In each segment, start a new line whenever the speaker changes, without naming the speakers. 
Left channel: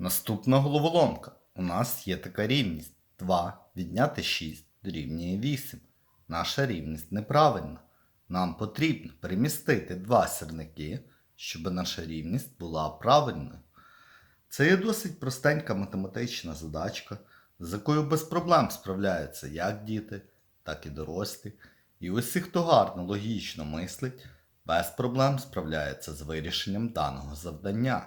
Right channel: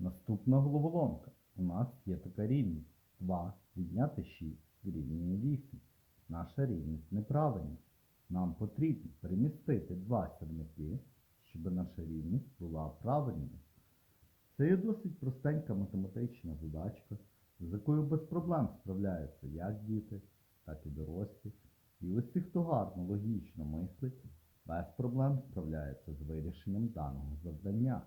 Наступна головоломка. У нас є така рівність. 2 відняти 6 дорівнює 8. Наша рівність неправильна. Нам потрібно перемістити два сірники, щоб наша рівність була правильною. Це є досить простенька математична задачка, з якою без проблем справляються як діти, так і дорослі. І усі, хто гарно логічно мислить, без проблем справляється з вирішенням даного завдання.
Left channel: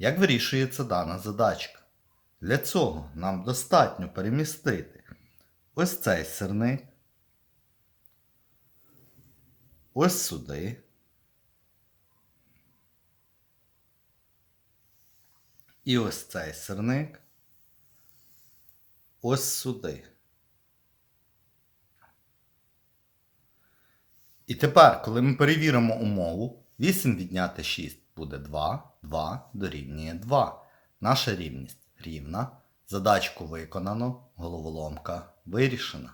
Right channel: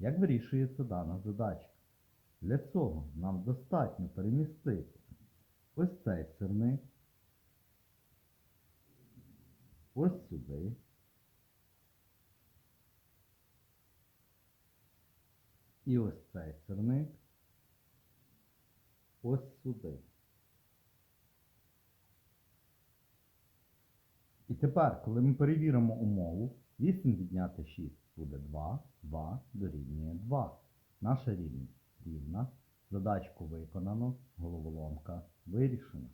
Як вирішується дана задачка? Для цього нам достатньо перемістити ось цей сирник, ось сюди. І ось цей сирник ось сюди. І тепер, коли ми перевіримо умову, 8 відняти 6 буде 2, 2 дорівнює 2. Наша рівність рівна. Задачку виконано, головоломка вирішена.